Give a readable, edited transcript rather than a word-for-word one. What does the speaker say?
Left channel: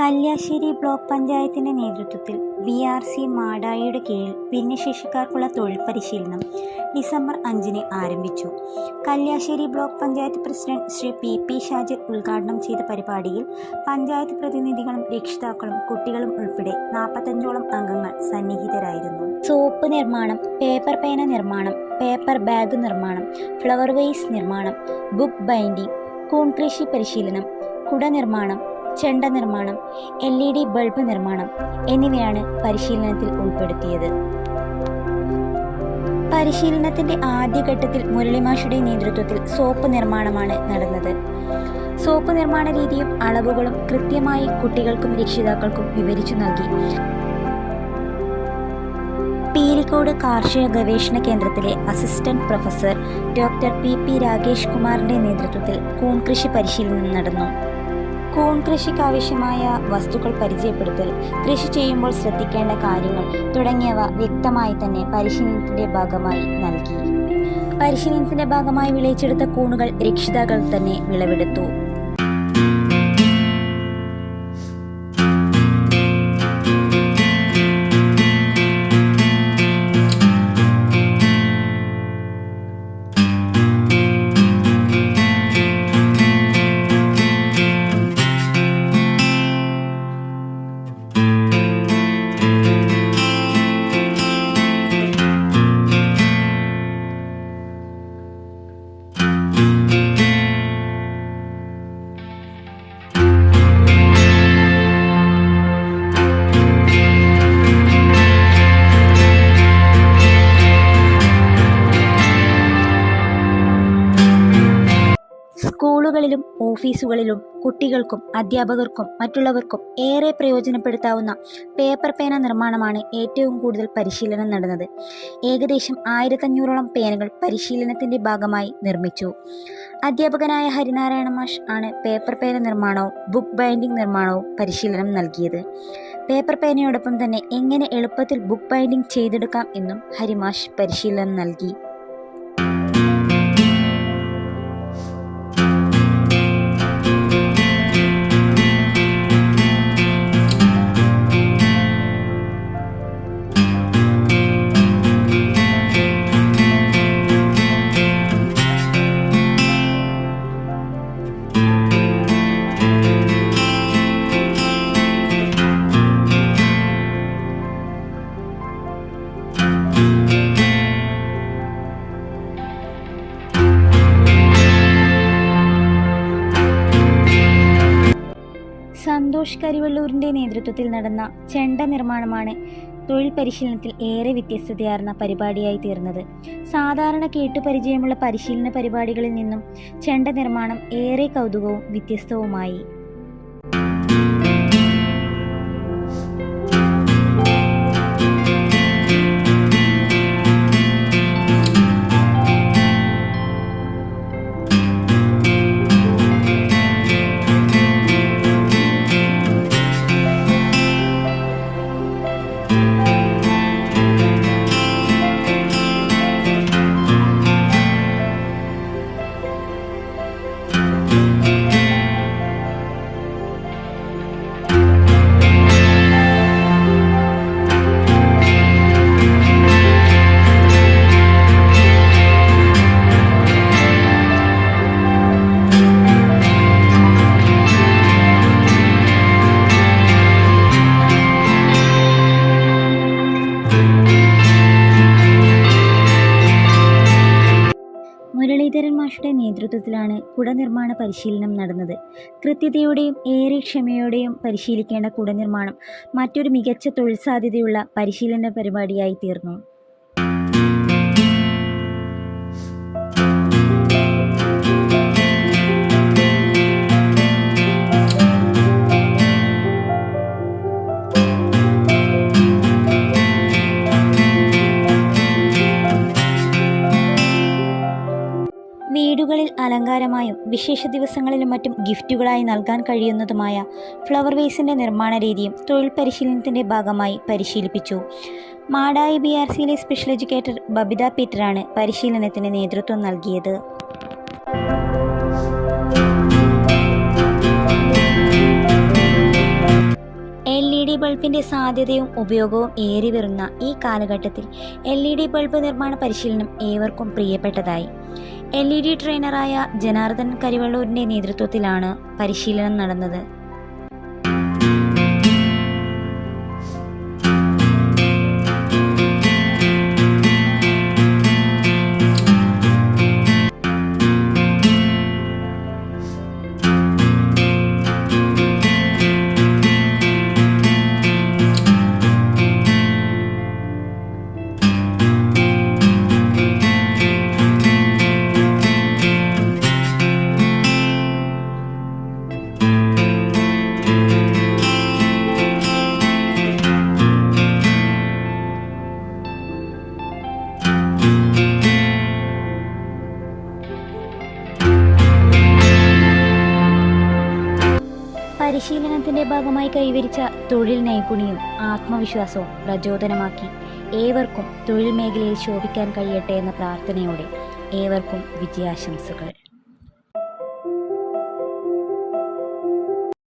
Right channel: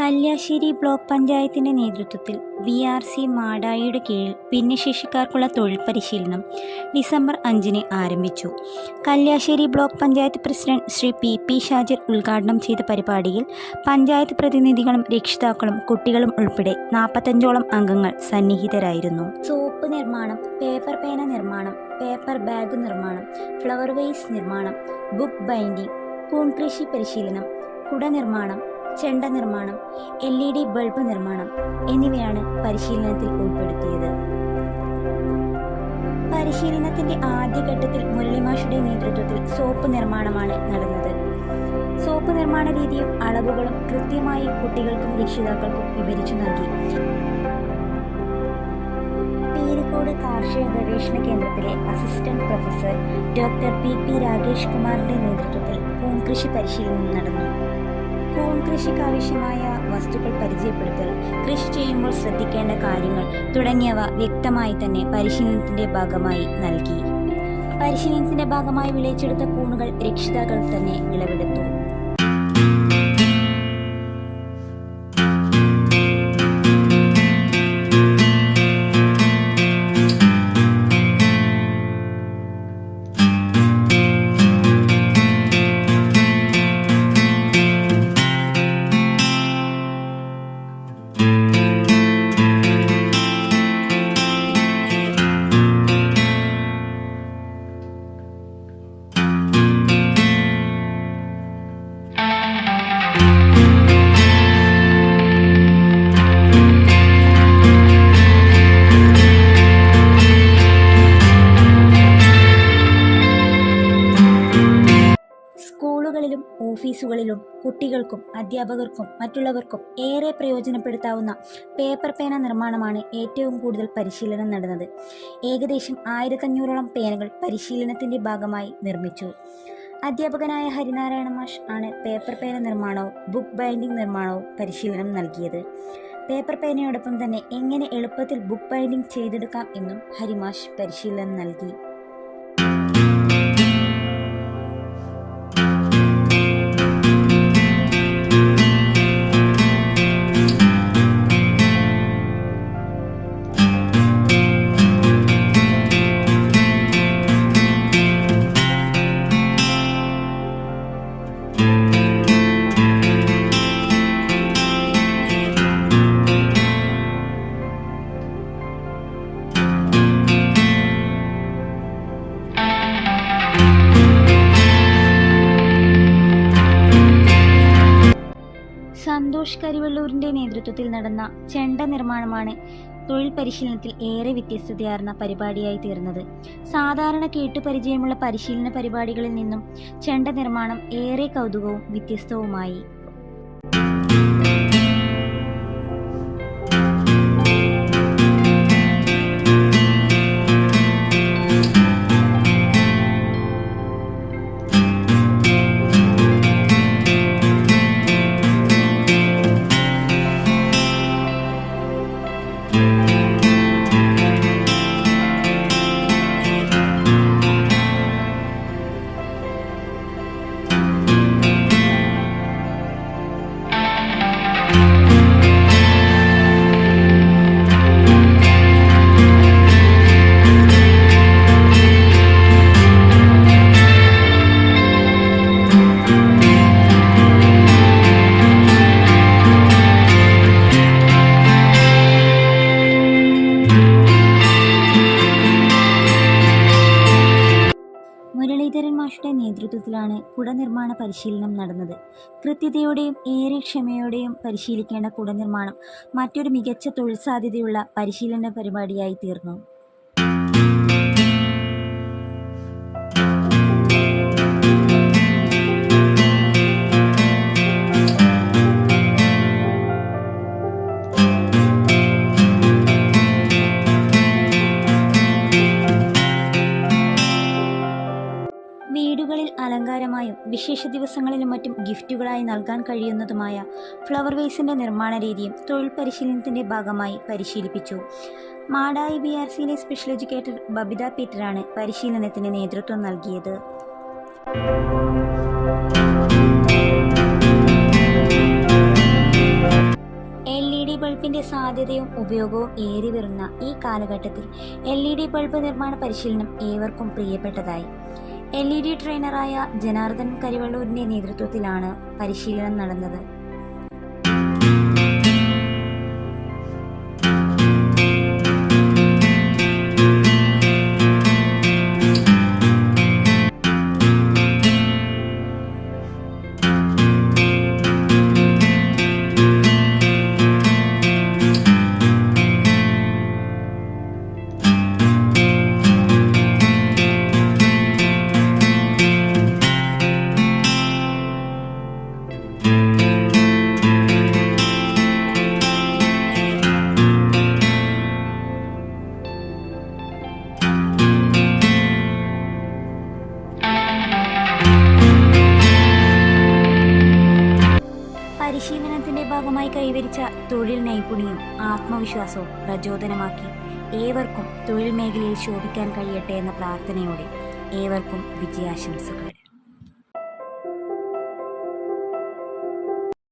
Kalliasseri block പഞ്ചായത്തിൻ്റെ നേതൃത്വത്തിൽ VRC മാടായിയുടെ കീഴിൽ ഭിന്നശേഷിക്കാർക്കുള്ള തൊഴിൽ പരിശീലനം ഡിസംബർ 5-ന് ആരംഭിച്ചു. Kalliasseri block panchayat president Shri PP Shajir ഉദ്ഘാടനം ചെയ്ത പരിപാടിയിൽ പഞ്ചായത്ത് പ്രതിനിധികളും രക്ഷിതാക്കളും കുട്ടികളും ഉൾപ്പെടെ 45ഓളം അംഗങ്ങൾ സന്നിഹിതരായിരുന്നു. സോപ്പ് നിർമ്മാണം, പേപ്പർ പേന നിർമ്മാണം, പേപ്പർ ബാഗ് നിർമ്മാണം, ഫ്ലവർ വേസ് നിർമ്മാണം, ബുക്ക് ബൈൻഡിംഗ്, കൂൺ കൃഷി പരിശീലനം, കുട നിർമ്മാണം, ചെണ്ട നിർമ്മാണം, LED ബൾബ് നിർമ്മാണം എന്നിവയാണ് പരിശീലനത്തിൽ ഉൾപ്പെടുത്തിയത്. പരിശീലനത്തിന്റെ ആദ്യഘട്ടത്തിൽ മുരളിമാഷുടെ നേതൃത്വത്തിൽ സോപ്പ് നിർമ്മാണമാണ് നടന്നത്. സോപ്പ് നിർമ്മാണ രീതിയും അളവുകളും കൃത്യമായി കുട്ടികൾക്കും രക്ഷിതാക്കൾക്കും വിവരിച്ചു നൽകി. പീലിക്കോട് കാർഷിക ഗവേഷണ കേന്ദ്രത്തിലെ assistant professor doctor PP Rakesh കുമാറിന്റെ നേതൃത്വത്തിൽ കൂൺ കൃഷി പരിശീലനം നടന്നു. കൂൺ കൃഷിക്കാവശ്യമായ വസ്തുക്കൾ പരിചയപ്പെടുത്തൽ, കൃഷി ചെയ്യുമ്പോൾ ശ്രദ്ധിക്കേണ്ട കാര്യങ്ങൾ തുടങ്ങിയവ വ്യക്തമായി തന്നെ പരിശീലനത്തിന്റെ ഭാഗമായി നൽകി. പരിശീലനത്തിന്റെ ഭാഗമായി വിളയിച്ചെടുത്ത കൂണുകൾ രക്ഷിതാക്കൾ തന്നെ വിളവെടുത്തു. സ്കൂളുകളിലും ഓഫീസുകളിലും കുട്ടികൾക്കും അധ്യാപകർക്കും മറ്റുള്ളവർക്കും ഏറെ പ്രയോജനപ്പെടുത്താവുന്ന പേപ്പർ പേന നിർമ്മാണമാണ് ഏറ്റവും കൂടുതൽ പരിശീലനം നടന്നത്. ഏകദേശം 1500ഓളം പേനകൾ പരിശീലനത്തിന്റെ ഭാഗമായി നിർമ്മിച്ചു. അധ്യാപകനായ ഹരിനാരായണ മാഷ് ആണ് പേപ്പർ പേന നിർമ്മാണവും ബുക്ക് ബൈൻഡിംഗ് നിർമ്മാണവും പരിശീലനം നൽകിയത്. പേപ്പർ പേനയോടൊപ്പം തന്നെ എങ്ങനെ എളുപ്പത്തിൽ ബുക്ക് ബൈൻഡിംഗ് ചെയ്തെടുക്കാം എന്നും ഹരിമാഷ് പരിശീലനം നൽകി. സന്തോഷ് കരിവള്ളൂരിൻ്റെ നേതൃത്വത്തിൽ നടന്ന ചെണ്ട നിർമ്മാണമാണ് തൊഴിൽ പരിശീലനത്തിൽ ഏറെ വ്യത്യസ്തതയാർന്ന പരിപാടിയായി തീർന്നത്. സാധാരണ കേട്ടുപരിചയമുള്ള പരിശീലന പരിപാടികളിൽ നിന്നും ചെണ്ട നിർമ്മാണം ഏറെ കൗതുകവും വ്യത്യസ്തവുമായി. മുരളീധരൻ മാഷുടെ നേതൃത്വത്തിലാണ് കുട നിർമ്മാണ പരിശീലനം നടന്നത്. കൃത്യതയോടെയും ഏറെ ക്ഷമയോടെയും പരിശീലിക്കേണ്ട കുട നിർമ്മാണം മറ്റൊരു മികച്ച തൊഴിൽ സാധ്യതയുള്ള പരിശീലന പരിപാടിയായി തീർന്നു. വീടുകളിൽ അലങ്കാരമായും വിശേഷ ദിവസങ്ങളിലും മറ്റും ഗിഫ്റ്റുകളായി നൽകാൻ കഴിയുന്നതുമായ ഫ്ലവർ വേസിൻ്റെ നിർമ്മാണ രീതിയും തൊഴിൽ പരിശീലനത്തിൻ്റെ ഭാഗമായി പരിശീലിപ്പിച്ചു. മാടായി BRCയിലെ സ്പെഷ്യൽ എഡ്യൂക്കേറ്റർ ബബിത പീറ്ററാണ് പരിശീലനത്തിന് നേതൃത്വം നൽകിയത്. ബൾബിൻ്റെ സാധ്യതയും ഉപയോഗവും ഏറി വരുന്ന ഈ കാലഘട്ടത്തിൽ LED ബൾബ് നിർമ്മാണ പരിശീലനം ഏവർക്കും പ്രിയപ്പെട്ടതായി. LED ട്രെയിനറായ ജനാർദ്ദനൻ കരിവള്ളൂരിൻ്റെ നേതൃത്വത്തിലാണ് പരിശീലനം നടന്നത്. പരിശീലനത്തിന്റെ ഭാഗമായി കൈവരിച്ച തൊഴിൽ നൈപുണ്യവും ആത്മവിശ്വാസവും പ്രചോദനമാക്കി ഏവർക്കും തൊഴിൽ മേഖലയിൽ ശോഭിക്കാൻ കഴിയട്ടെ എന്ന പ്രാർത്ഥനയോടെ ഏവർക്കും വിജയാശംസകൾ.